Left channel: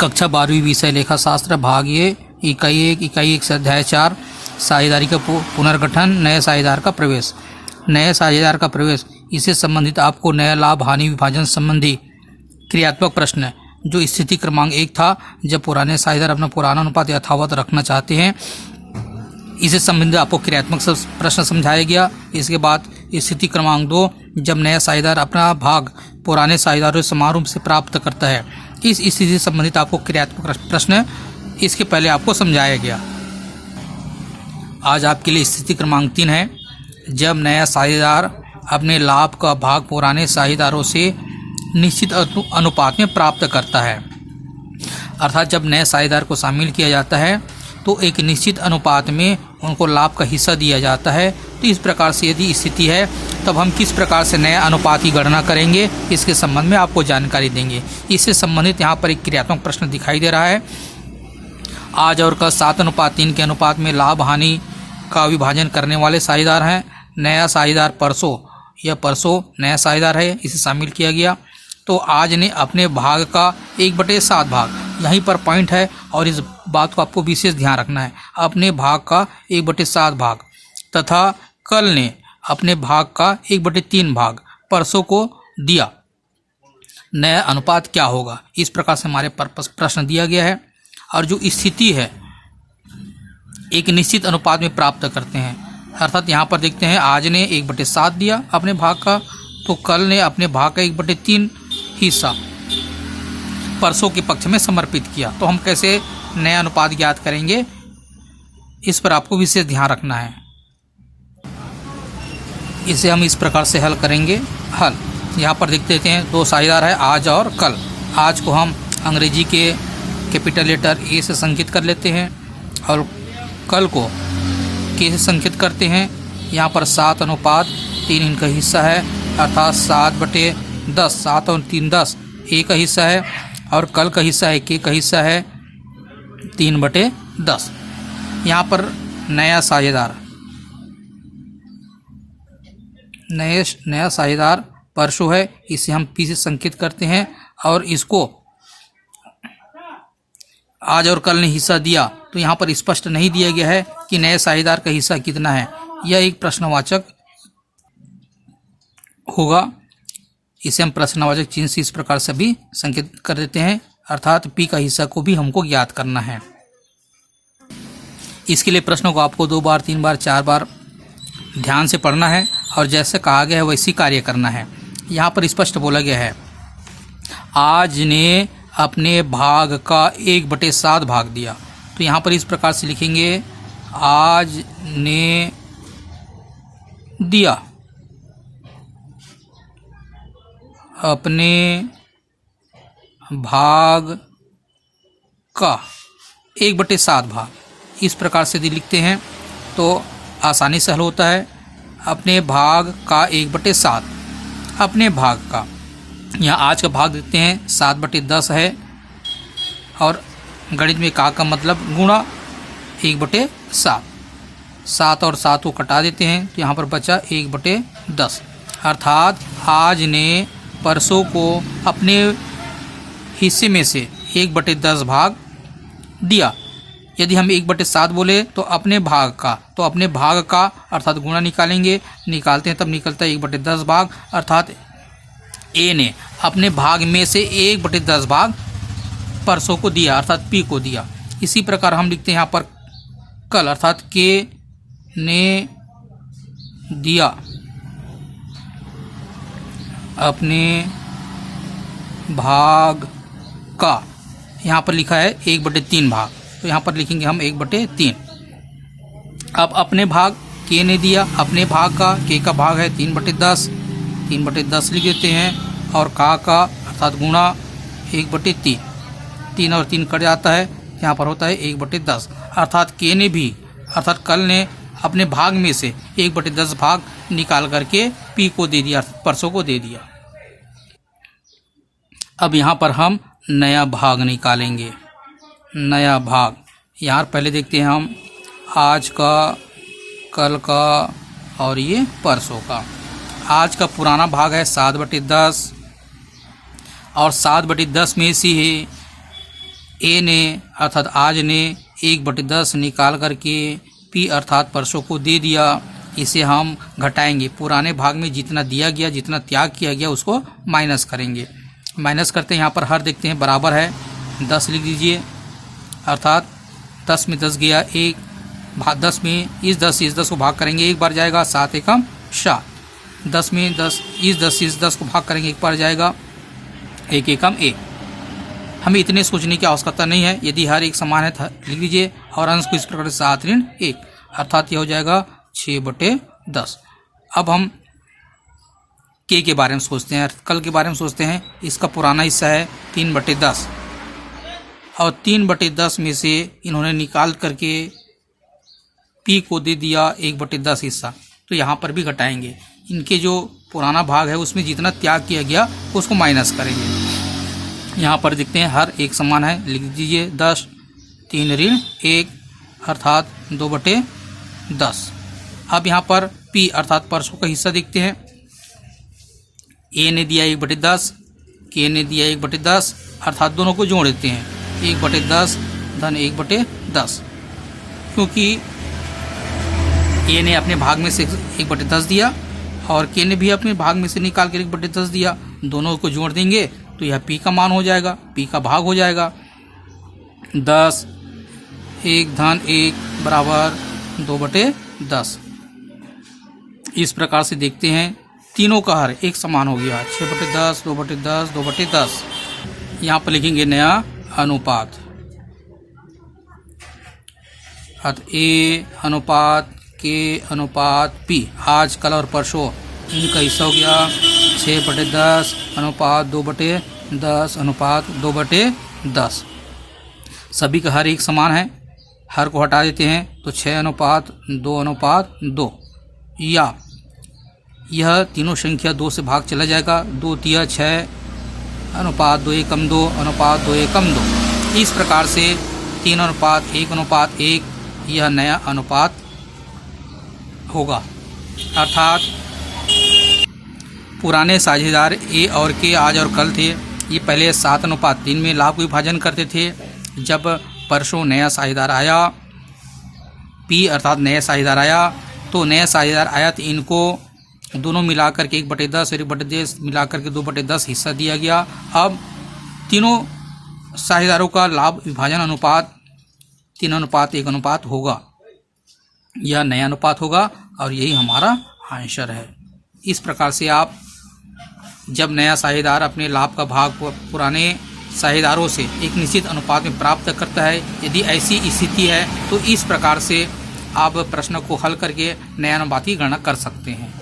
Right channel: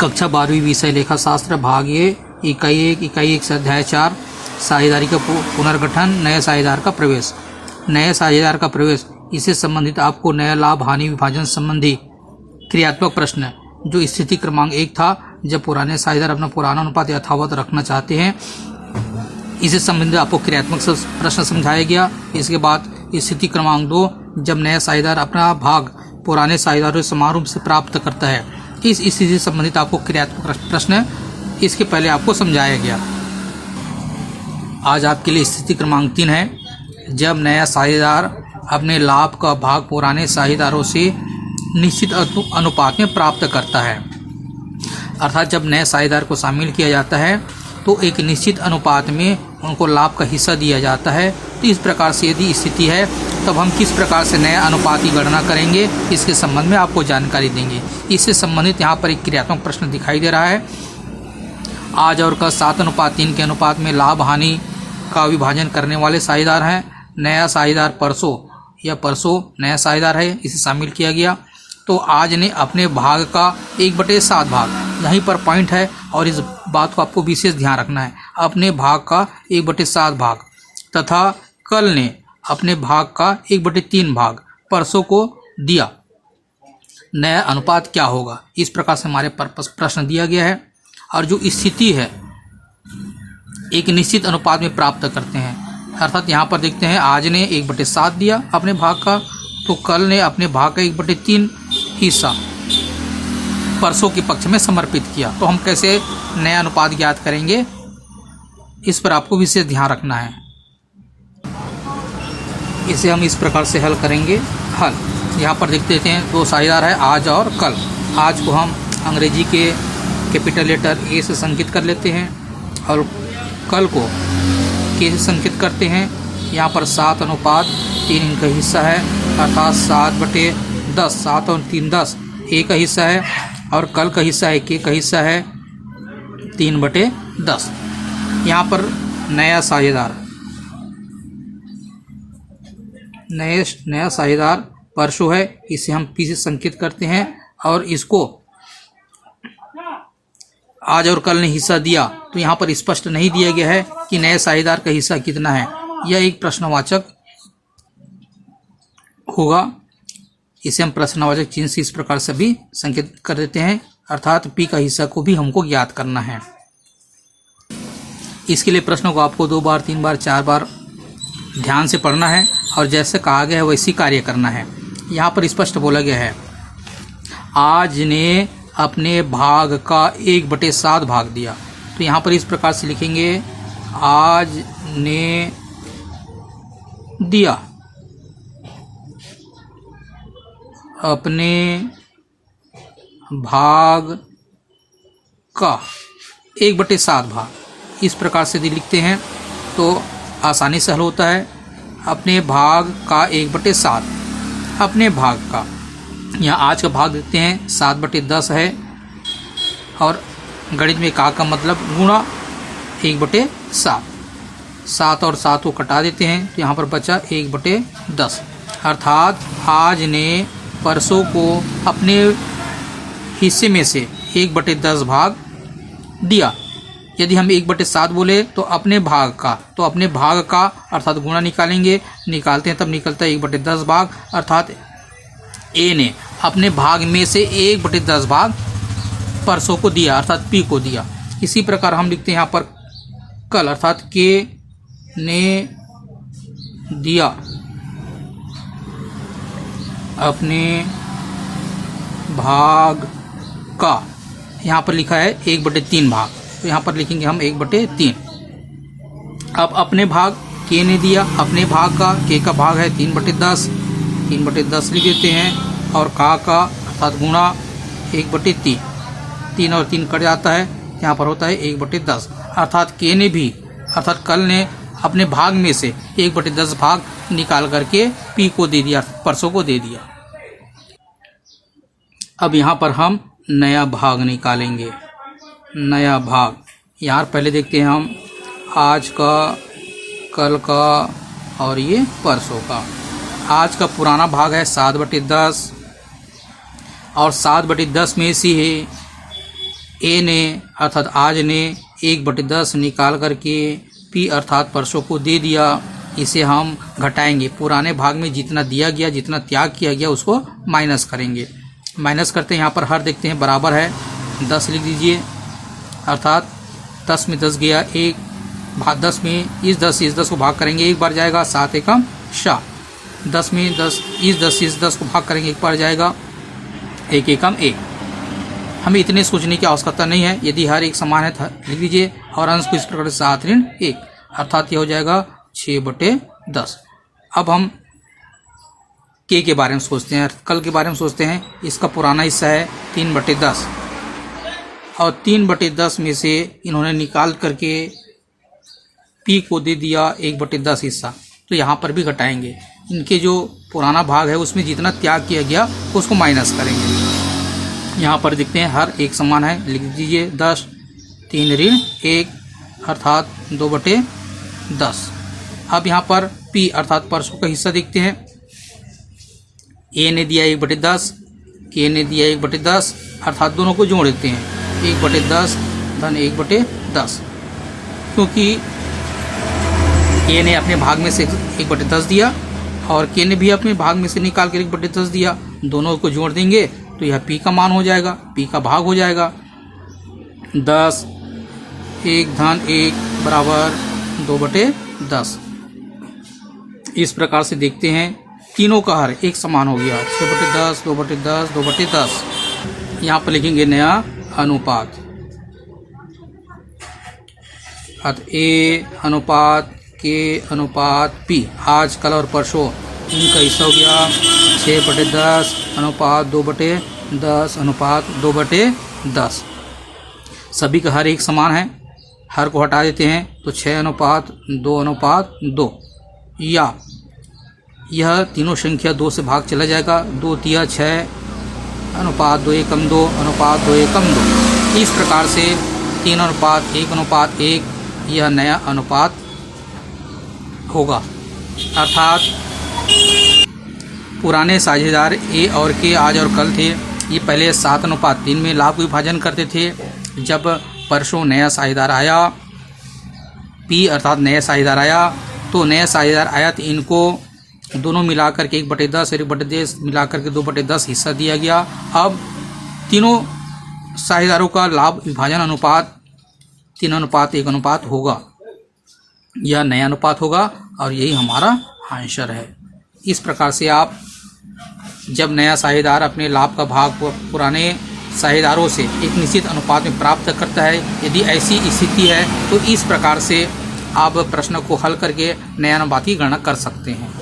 कक्षा 12वीं विषय लेखा शास्त्र भाग ए इकाई 1 से अध्याय 4 साझेदारी का पुनर्गठन, नए साझेदार का प्रवेश। नए साझेदार का प्रवेश, इससे संबंधित आपको नया लाभ हानि विभाजन संबंधी क्रियात्मक प्रश्न जो स्थिति क्रमांक 1 था, जब पुराने साझेदार अपना पुराना अनुपात यथावत रखना चाहते हैं, इससे संबंधित आपको क्रियात्मक प्रश्न समझाया गया। इसके बाद स्थिति क्रमांक 2, जब नया साझेदार अपना भाग पुराने साझेदारों से समान रूप से प्राप्त करता है, इस स्थिति से संबंधित आपको क्रियात्मक प्रश्न इसके पहले आपको समझाया गया। आज आपके लिए स्थिति क्रमांक 3 है, जब नया साझेदार अपने लाभ का भाग पुराने साझेदारों से निश्चित अनुपात में प्राप्त करता है। अर्थात जब नए साझेदार को शामिल किया जाता है तो एक निश्चित अनुपात में उनको लाभ का हिस्सा दिया जाता है। तो इस प्रकार से यदि स्थिति है तब हम किस प्रकार से नए अनुपात की गणना करेंगे, इसके संबंध में आपको जानकारी देंगे। इससे संबंधित यहाँ पर एक क्रियात्मक प्रश्न दिखाई दे रहा है। आज और कल 7:3 के अनुपात में लाभ हानि का विभाजन करने वाले साझेदार हैं। नया साझेदार परसों नया साझेदार है, इसे शामिल किया गया। तो आज ने अपने भाग का 1/7 भाग, यहीं पर पॉइंट है और इस बात को आपको विशेष ध्यान रखना है, अपने भाग का 1/7 भाग तथा कल ने अपने भाग का 1/3 भाग परसों को दिया। नया अनुपात क्या होगा, इस प्रकार से हमारे प्रश्न दिया गया है। और जो स्थिति है एक निश्चित अनुपात में प्राप्त करते हैं, अर्थात यहाँ पर देखते हैं आज ने 1/7 दिया अपने भाग का, तो कल ने अपने भाग का 1/3 हिस्सा परसों के पक्ष में समर्पित किया। तो हम कैसे नया अनुपात ज्ञात करेंगे, इस पर आपको विशेष ध्यान रखना है। इसे हम इस प्रकार से हल करेंगे। यहाँ पर देख लेते हैं, 2 साझेदार है आज और कल। आज को हम अंग्रेजी के कैपिटल लेटर ए से संकेत कर लेते हैं और कल को के से संकेत करते हैं। यहाँ पर 7:3 इनका हिस्सा है, अर्थात 7/10, 7 और 3 10 ए का हिस्सा है और कल का हिस्सा है के का हिस्सा है 3/10। यहाँ पर नया साझेदार परसों है, इसे हम पी से संकेत करते हैं और इसको आज और कल ने हिस्सा दिया, तो यहाँ पर स्पष्ट नहीं दिया गया है कि नए साझेदार का हिस्सा कितना है। यह एक प्रश्नवाचक होगा, इसे हम प्रश्नवाचक चिन्ह से इस प्रकार से भी संकेत कर देते हैं, अर्थात पी का हिस्सा को भी हमको ज्ञात करना है। इसके लिए प्रश्नों को आपको 2 बार 3 बार 4 बार ध्यान से पढ़ना है और जैसे कहा गया है वैसी कार्य करना है। यहाँ पर स्पष्ट बोला गया है, आज ने अपने भाग का 1/7 भाग दिया। तो यहाँ पर इस प्रकार से लिखेंगे, आज ने दिया अपने भाग का 1/7 भाग। इस प्रकार से यदि लिखते हैं तो आसानी से हल होता है। अपने भाग का 1/7, अपने भाग का, यहाँ आज का भाग देखते हैं 7/10 है और गणित में का मतलब गुणा 1/7। 7 और 7 को कटा देते हैं तो यहाँ पर बचा 1/10, अर्थात आज ने परसों को अपने हिस्से में से 1/10 भाग दिया। यदि हम 1/7 बोले तो अपने भाग का अर्थात गुणा निकालते हैं तब निकलता है 1/10 भाग, अर्थात ए ने अपने भाग में से 1/10 भाग परसों को दिया, अर्थात पी को दिया। इसी प्रकार हम लिखते हैं यहाँ पर कल, अर्थात के ने दिया अपने भाग का, यहाँ पर लिखा है 1/3 भाग, तो यहाँ पर लिखेंगे हम 1/3। अब अपने भाग के ने दिया अपने भाग का, के का भाग है 3/10 लिख देते हैं और का अर्थात गुणा 1/3, 3 और 3 कट जाता है, यहाँ पर होता है 1/10, अर्थात के ने भी अर्थात कल ने अपने भाग में से 1/10 भाग निकाल करके पी को दे दिया, परसों को दे दिया। अब यहाँ पर हम नया भाग निकालेंगे। नया भाग यहाँ पहले देखते हैं हम आज का, कल का और ये परसों का। आज का पुराना भाग है 7/10 और 7/10 में से ए ने अर्थात आज ने 1/10 निकाल करके पी अर्थात परसों को दे दिया। इसे हम घटाएंगे, पुराने भाग में जितना दिया गया, जितना त्याग किया गया उसको माइनस करेंगे। माइनस करते हैं, यहाँ पर हर देखते हैं बराबर है 10 लिख दीजिए, अर्थात 10 में 10 गया, 10 में इस 10 को भाग करेंगे, एक बार जाएगा, 7 एकम 7, 10 में 10 इस 10 को भाग करेंगे, एक बार जाएगा, 1 एकम 1। हमें इतने सोचने की आवश्यकता नहीं है, यदि हर एक समान है तो लिख लीजिए और अंश को इस प्रकार से 7 ऋण 1, अर्थात यह हो जाएगा 6/10। अब हम के बारे में सोचते हैं, कल के बारे में सोचते हैं। इसका पुराना हिस्सा है 3/10 और 3/10 में से इन्होंने निकाल करके पी को दे दिया 1/10 हिस्सा, तो यहाँ पर भी घटाएंगे। इनके जो पुराना भाग है उसमें जितना त्याग किया गया उसको माइनस करेंगे। यहाँ पर देखते हैं हर एक समान है, लिख दीजिए 10, 3 ऋण 1 अर्थात 2/10। अब यहाँ पर पी अर्थात परसों का हिस्सा देखते हैं। ए ने दिया 1/10, के ने दिया 1/10, अर्थात दोनों को जोड़ देते हैं, 1/10 धन 1/10, क्योंकि ए ने अपने भाग में से 1/10 दिया और के ने भी अपने भाग में से निकाल कर 1/10 दिया, दोनों को जोड़ देंगे तो यह पी का मान हो जाएगा, पी का भाग हो जाएगा। 10 1 धन 1 बराबर 2/10। इस प्रकार से देखते हैं तीनों का हर एक समान हो गया, 6/10 2/10 2/10। यहाँ पर लिखेंगे नया अनुपात, ए अनुपात के अनुपात पी, आज कल और परसों इनका हिस्सा हो गया 6/10 अनुपात 2/10 अनुपात 2/10। सभी का हर एक समान है, हर को हटा देते हैं तो 6:2:2, या यह तीनों संख्या 2 से भाग चला जाएगा, 2 तिया 6 अनुपात 2 एकम 2 अनुपात 2 एकम 2। इस प्रकार से 3:1:1 यह नया अनुपात होगा, अर्थात पुराने साझेदार ए और के आज और कल थे, ये पहले 7:3 में लाभ विभाजन करते थे। जब परसों नया साझेदार आया पी अर्थात नया साझेदार आया, तो नया साझेदार आया तो इनको दोनों मिलाकर के 1/10 और 1/10 मिलाकर के 2/10 हिस्सा दिया गया। अब तीनों साझेदारों का लाभ विभाजन अनुपात 3:1 होगा, यह नया अनुपात होगा और यही हमारा आंसर है। इस प्रकार से आप जब नया साझेदार अपने लाभ का भाग पुराने साझेदारों से एक निश्चित अनुपात में प्राप्त करता है, यदि ऐसी स्थिति है तो इस प्रकार से आप प्रश्न को हल करके नया अनुपात की गणना कर सकते हैं।